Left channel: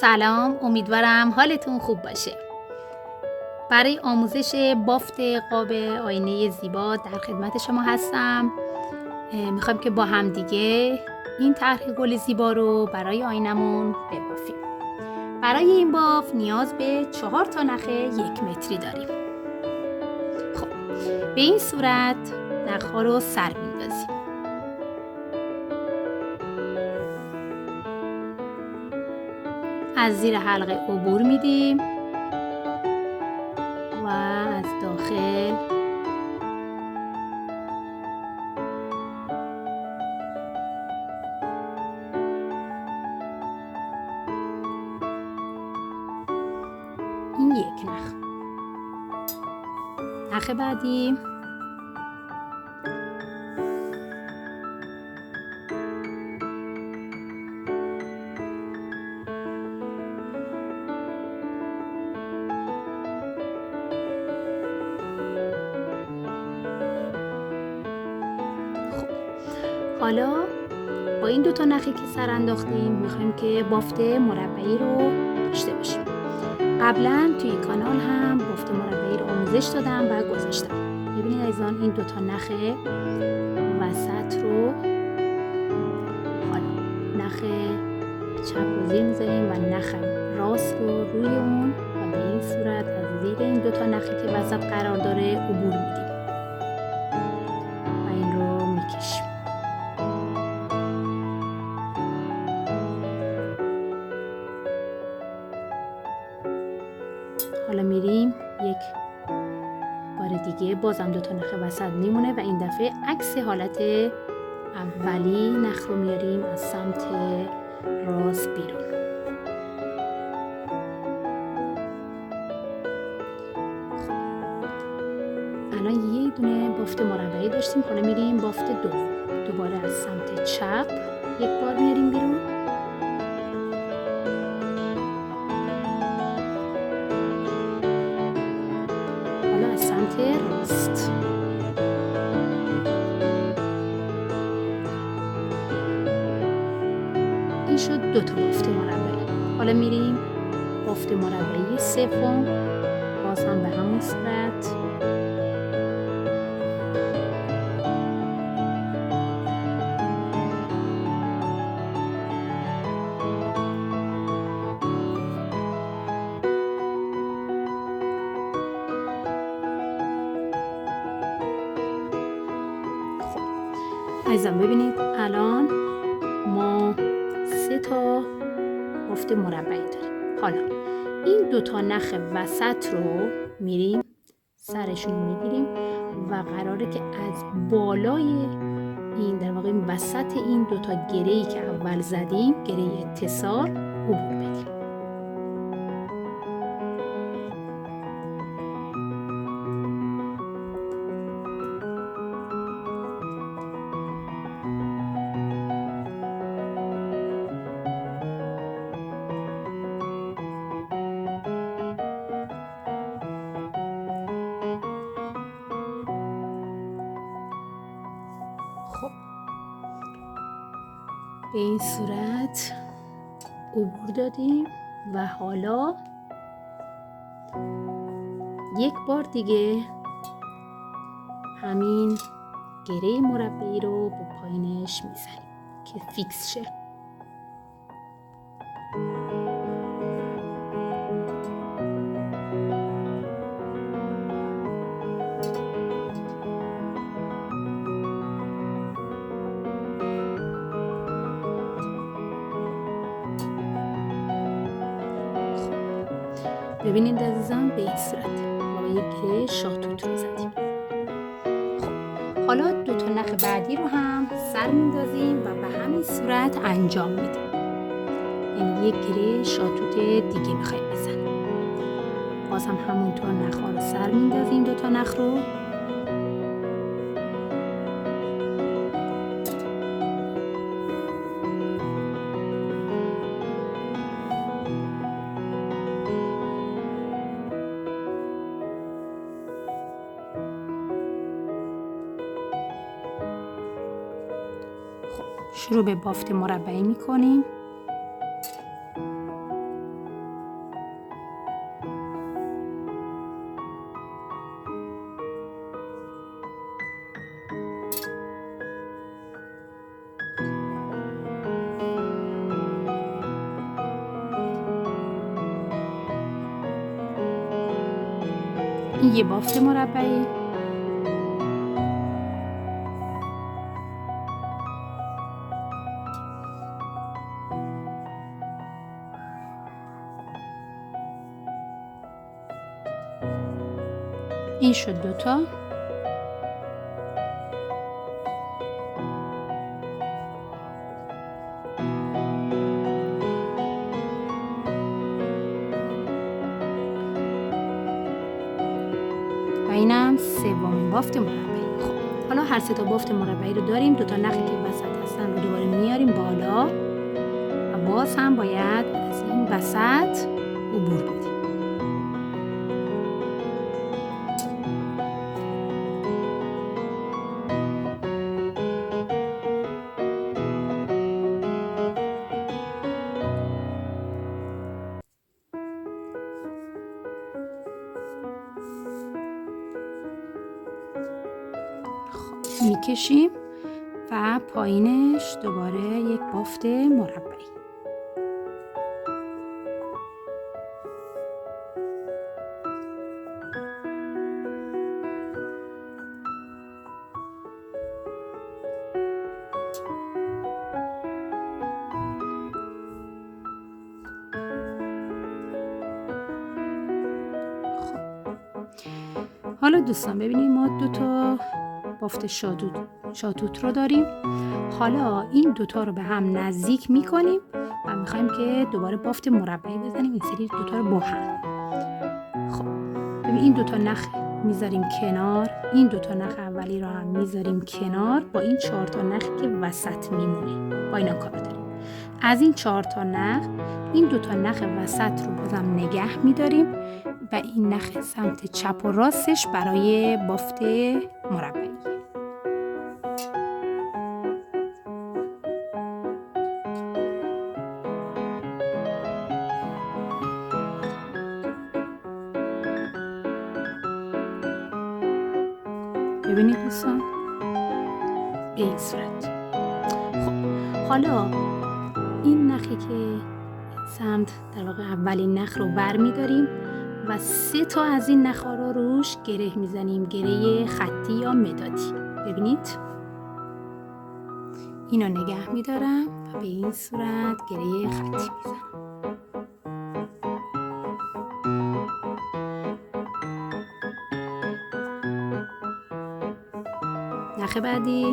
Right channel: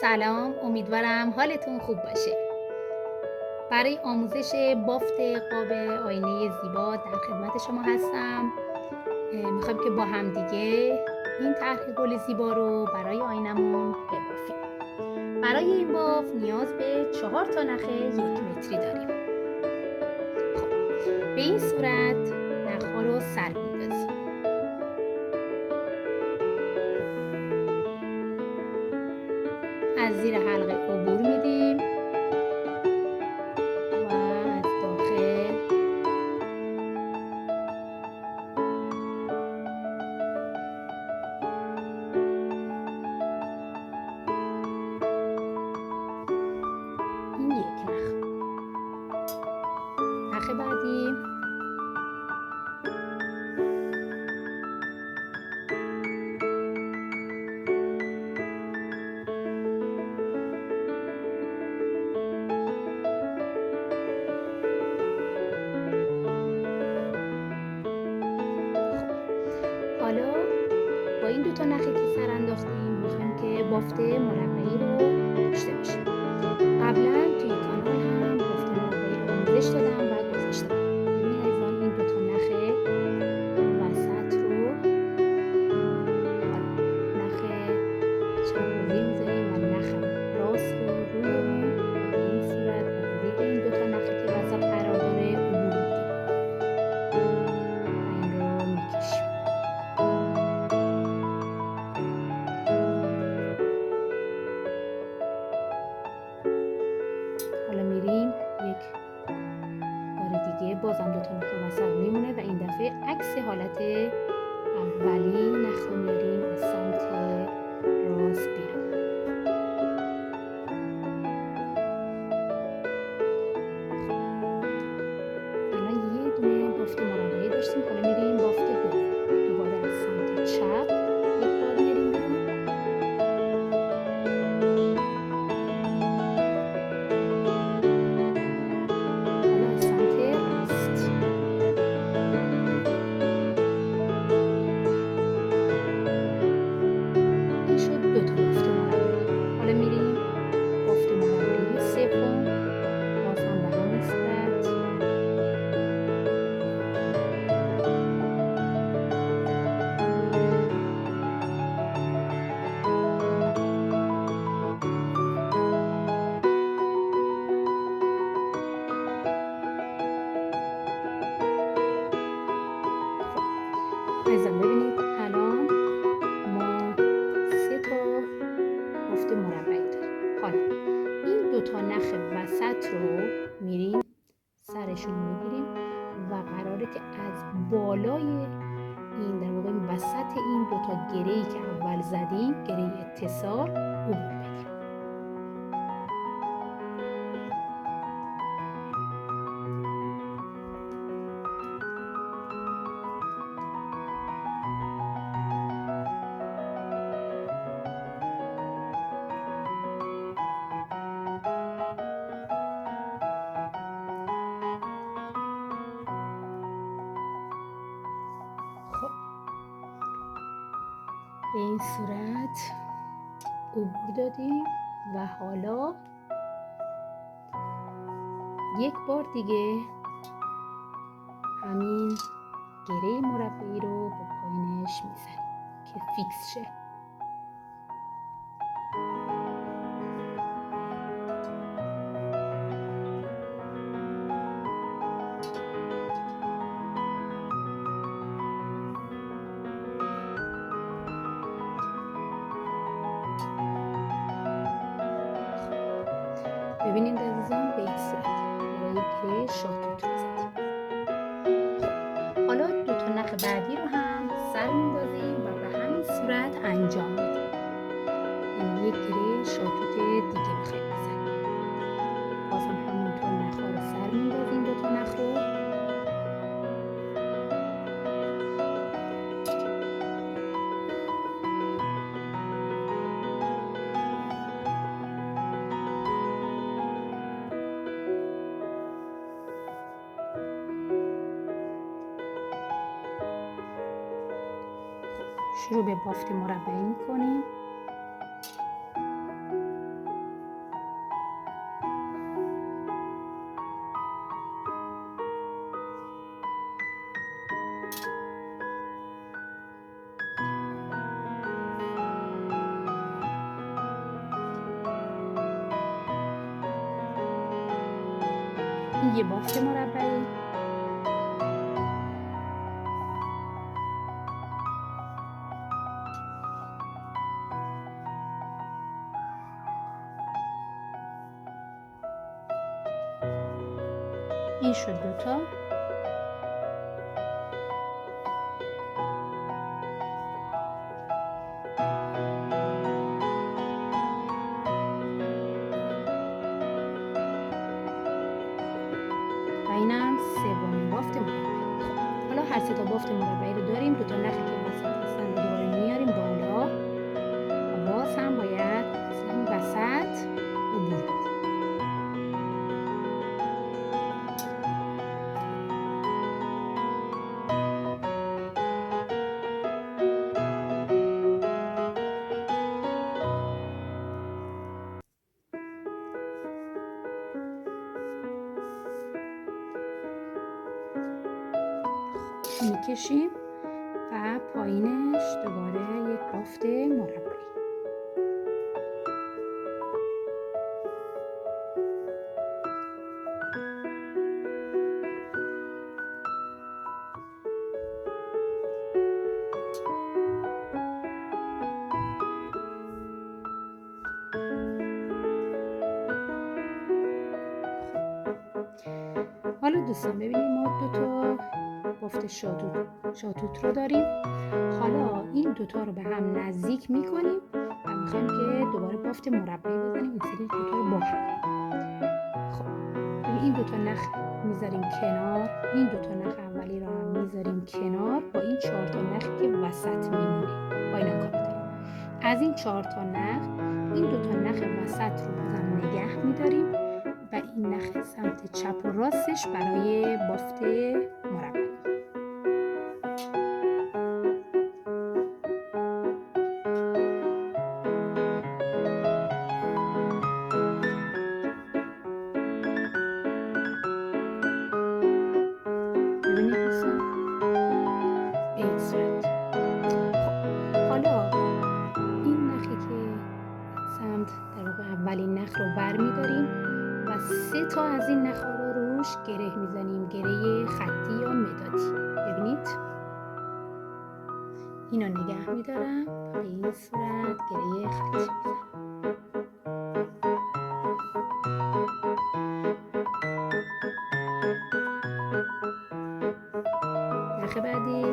سلام، امیدوارم حالتون خوب باشه. برای آموزش بافت قاب آینه زیبا در خدمت شما هستم. میخوایم که با هم دیگه این طرح گل زیبا رو برای آینمون ببافیم. برای این باف نیاز به 4 تا نخ 1 متری داریم. خب، به این صورت نخ‌ها رو سر میندازیم. از زیر حلقه عبور میدیم و از داخل این یک نخ بعدی حالا با این 2 تا نخی که سر انداختیم میخوایم که بافت مربعی رو داشته باشیم. قبلا توی کانال هم بافت مربعی رو آموزش دادم و گذاشتم. ببینید عزیزان این 2 تا نخ وسط رو حالا نخ چپ رو زیر میذاریم و نخ راست رو روی اون و به این صورت از زیر این 2 تا نخی که وسط قرار داره عبور میدیم و این رو میکشیم. حالا میریم یک بار دیگه بازم 2 تا نخ وسط میمونه و این دفعه عکس حالت اولی نخ رو میاریم از سمت راست بیرون. الان یه دونه بافت مربعی داشتیم، حالا میریم بافت دوباره از سمت چپ یک بار میاریم بیرون. حالا از سمت راست این شد 2 تا بافت مربعی. حالا میریم بافت مربعی سوم، باز هم به همون صورت عزیزان. ببینید الان ما 3 تا بافت مربعی داریم. حالا این 2 تا نخ وسط رو میریم سرشون میگیریم و قراره که از بالای این در واقع وسط این 2 تا گره‌ای که اول زدیم، گره اتصال، عبور بدیم. خب به این صورت عبور دادیم و حالا یک بار دیگه همین گره مربعی رو با پایینش میزنیم که فیکس شه. ببینید عزیزان به این صورت با یک گره شاهتوت رو زدیم. خب حالا 2 تا نخ بعدی رو هم سر میندازیم و به همین صورت انجام میدیم. یعنی یک گره شاهتوت دیگه میخوایم بزنیم. باز هم همونطور نخ‌ها رو سر میندازیم 2 تا نخ رو. شروع به بافت مربعی میکنیم. این یه بافت مربعه. این شد 2 تا. و اینم 3مین بافت مربعی. خب حالا هر 3 تا بافت مربعی رو داریم. 2 تا نخی که وسط هستن رو دوباره میاریم بالا و باز هم باید از این وسط عبور بدیم. میکشیم و پایینش دوباره یک بافت مربعی. حالا دوستان ببینید ما 2 تا بافت شاتوت رو داریم. حالا این 2 تا رو به هم نزدیک میکنیم و میخوایم که دوباره بافت مربعی بزنیم. این سری 2 تا رو با هم. خب ببین این 2 تا نخ میذاریم کنار. این 2 تا نخ اولی رو هم میذاریم کنار با این 4 تا نخی که وسط میمونه. با اینا کار داریم. از این 4 تا نخ این 2 تا نخ وسط رو بازم نگه میداریم و این نخ سمت چپ و راستش برای بافت مربعی. ببینید دوستان به این صورت. خب حالا این نخی که سمت در واقع اولین نخ رو بر میداریم و 3 تا از این نخ ها رو روش گره میزنیم. گره خطی یا مدادی. ببینید اینو نگه میدارم و به این صورت گره خطی میزنم. نخ بعدی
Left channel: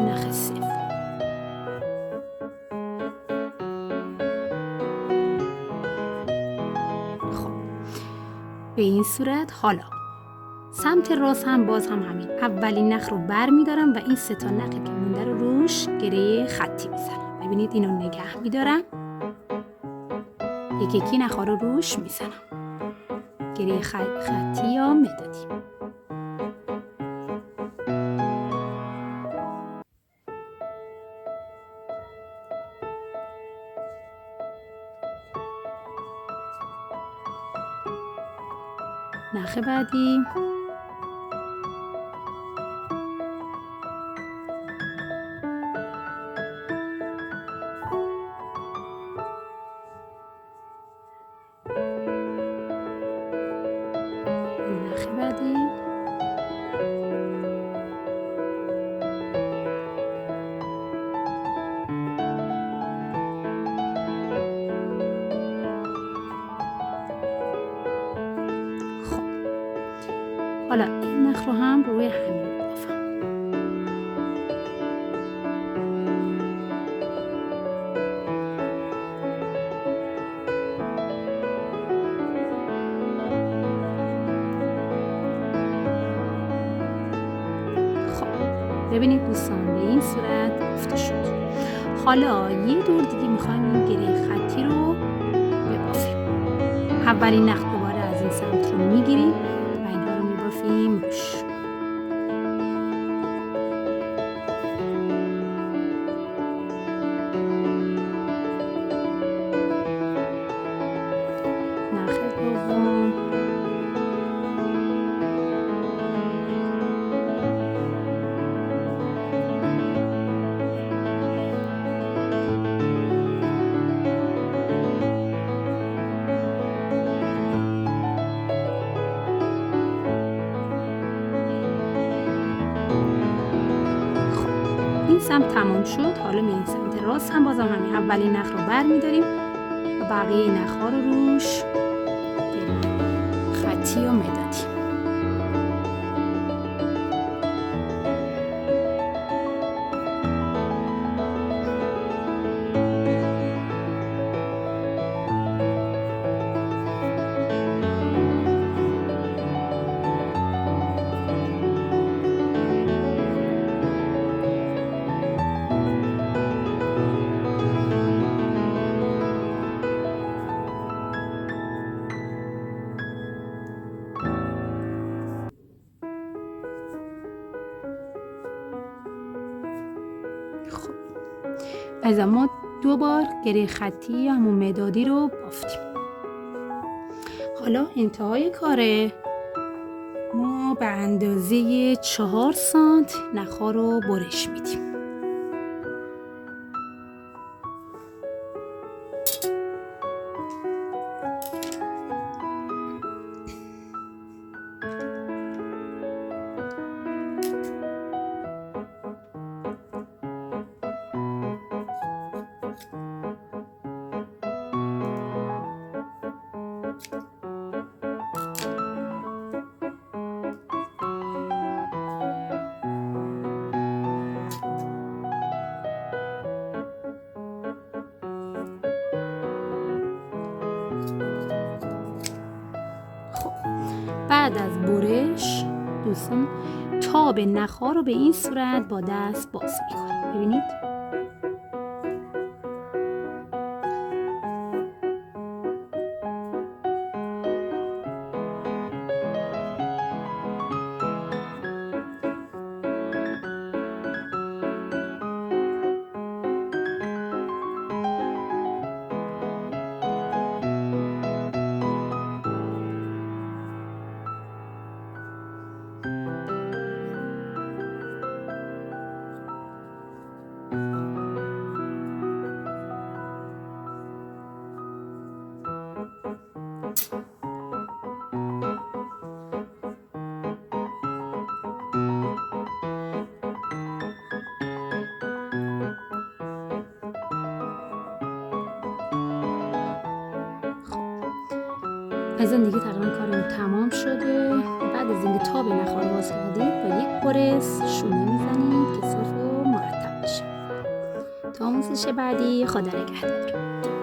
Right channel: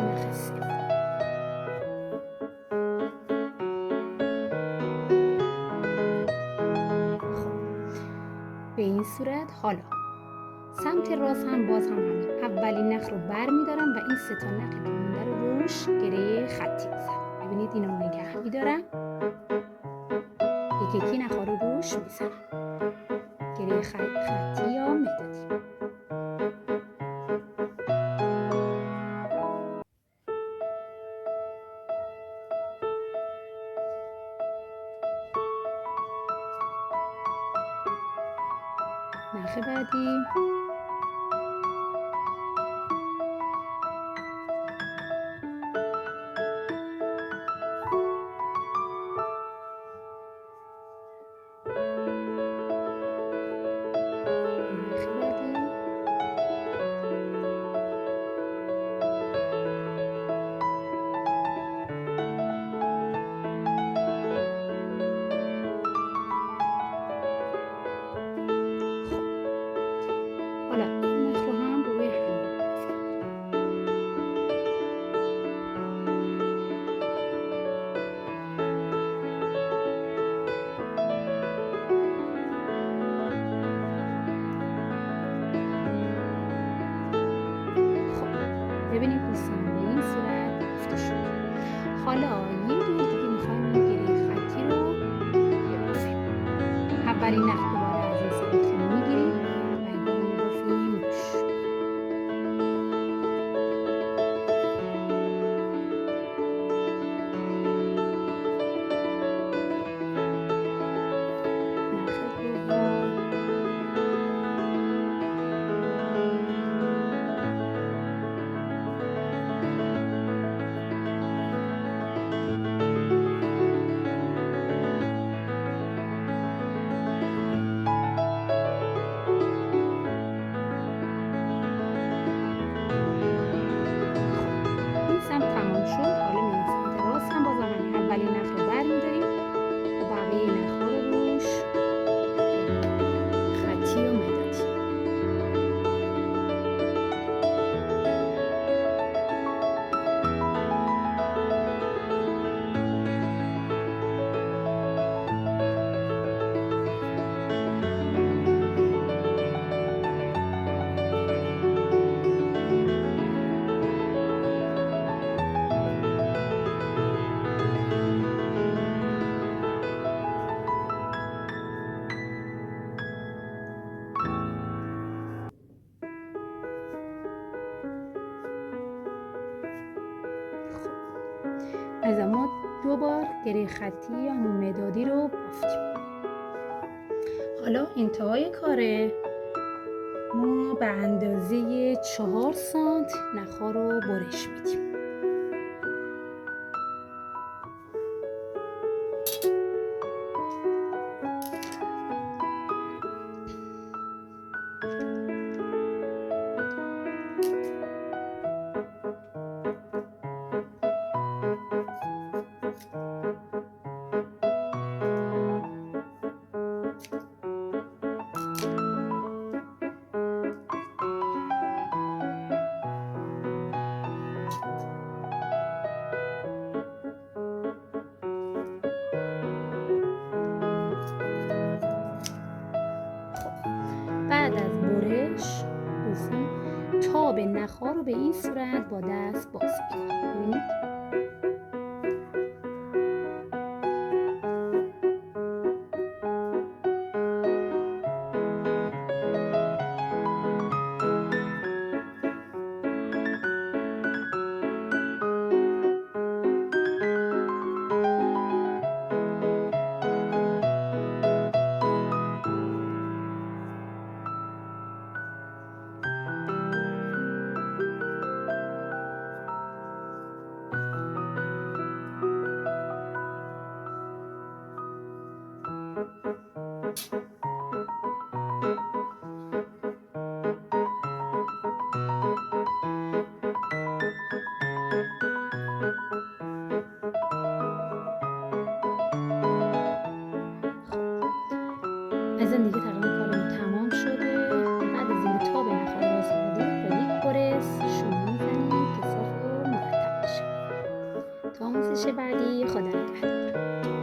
نخ سوم. خب به این صورت حالا سمت راست هم باز هم همین اولین نخ رو بر میدارم و این 3 تا نخی که مونده رو روش گره خطی میزنم. ببینید اینو نگه میدارم یکی یکی نخ ها رو روش میزنم. گره خطی یا مدادی. نخ بعدی نخ بعدی حالا این نخ رو هم روی همین بافم. خب ببینید دوستان به این صورت بافته شد. حالا یه دور دیگه میخوایم این گره خطی رو ببافیم. اولین نخ دوباره از این سمت رو میگیریم و اینها رو میبافیم روش. نخ دوم این سمت تمام شد. حالا میریم سمت راست هم بازم همین اولین نخ رو برمی‌داریم و بقیه نخ‌ها رو روش خطی و مدادی. از ما 2 بار گره خطی یا همون مدادی رو بافتیم. حالا انتهای کاره ما به اندازه 4 سانت نخ‌ها رو برش میدیم. بعد از برش دوستان تاب نخ‌ها رو به این صورت با دست باز می‌کنیم. ببینید از این دیگه تقریبا کارمون تمام شده. بعد از اینکه تاب نخ‌ها رو باز کردید با یک برس شونه میزنید که صاف و مرتب بشه. تا آموزش بعدی خدا نگهدار.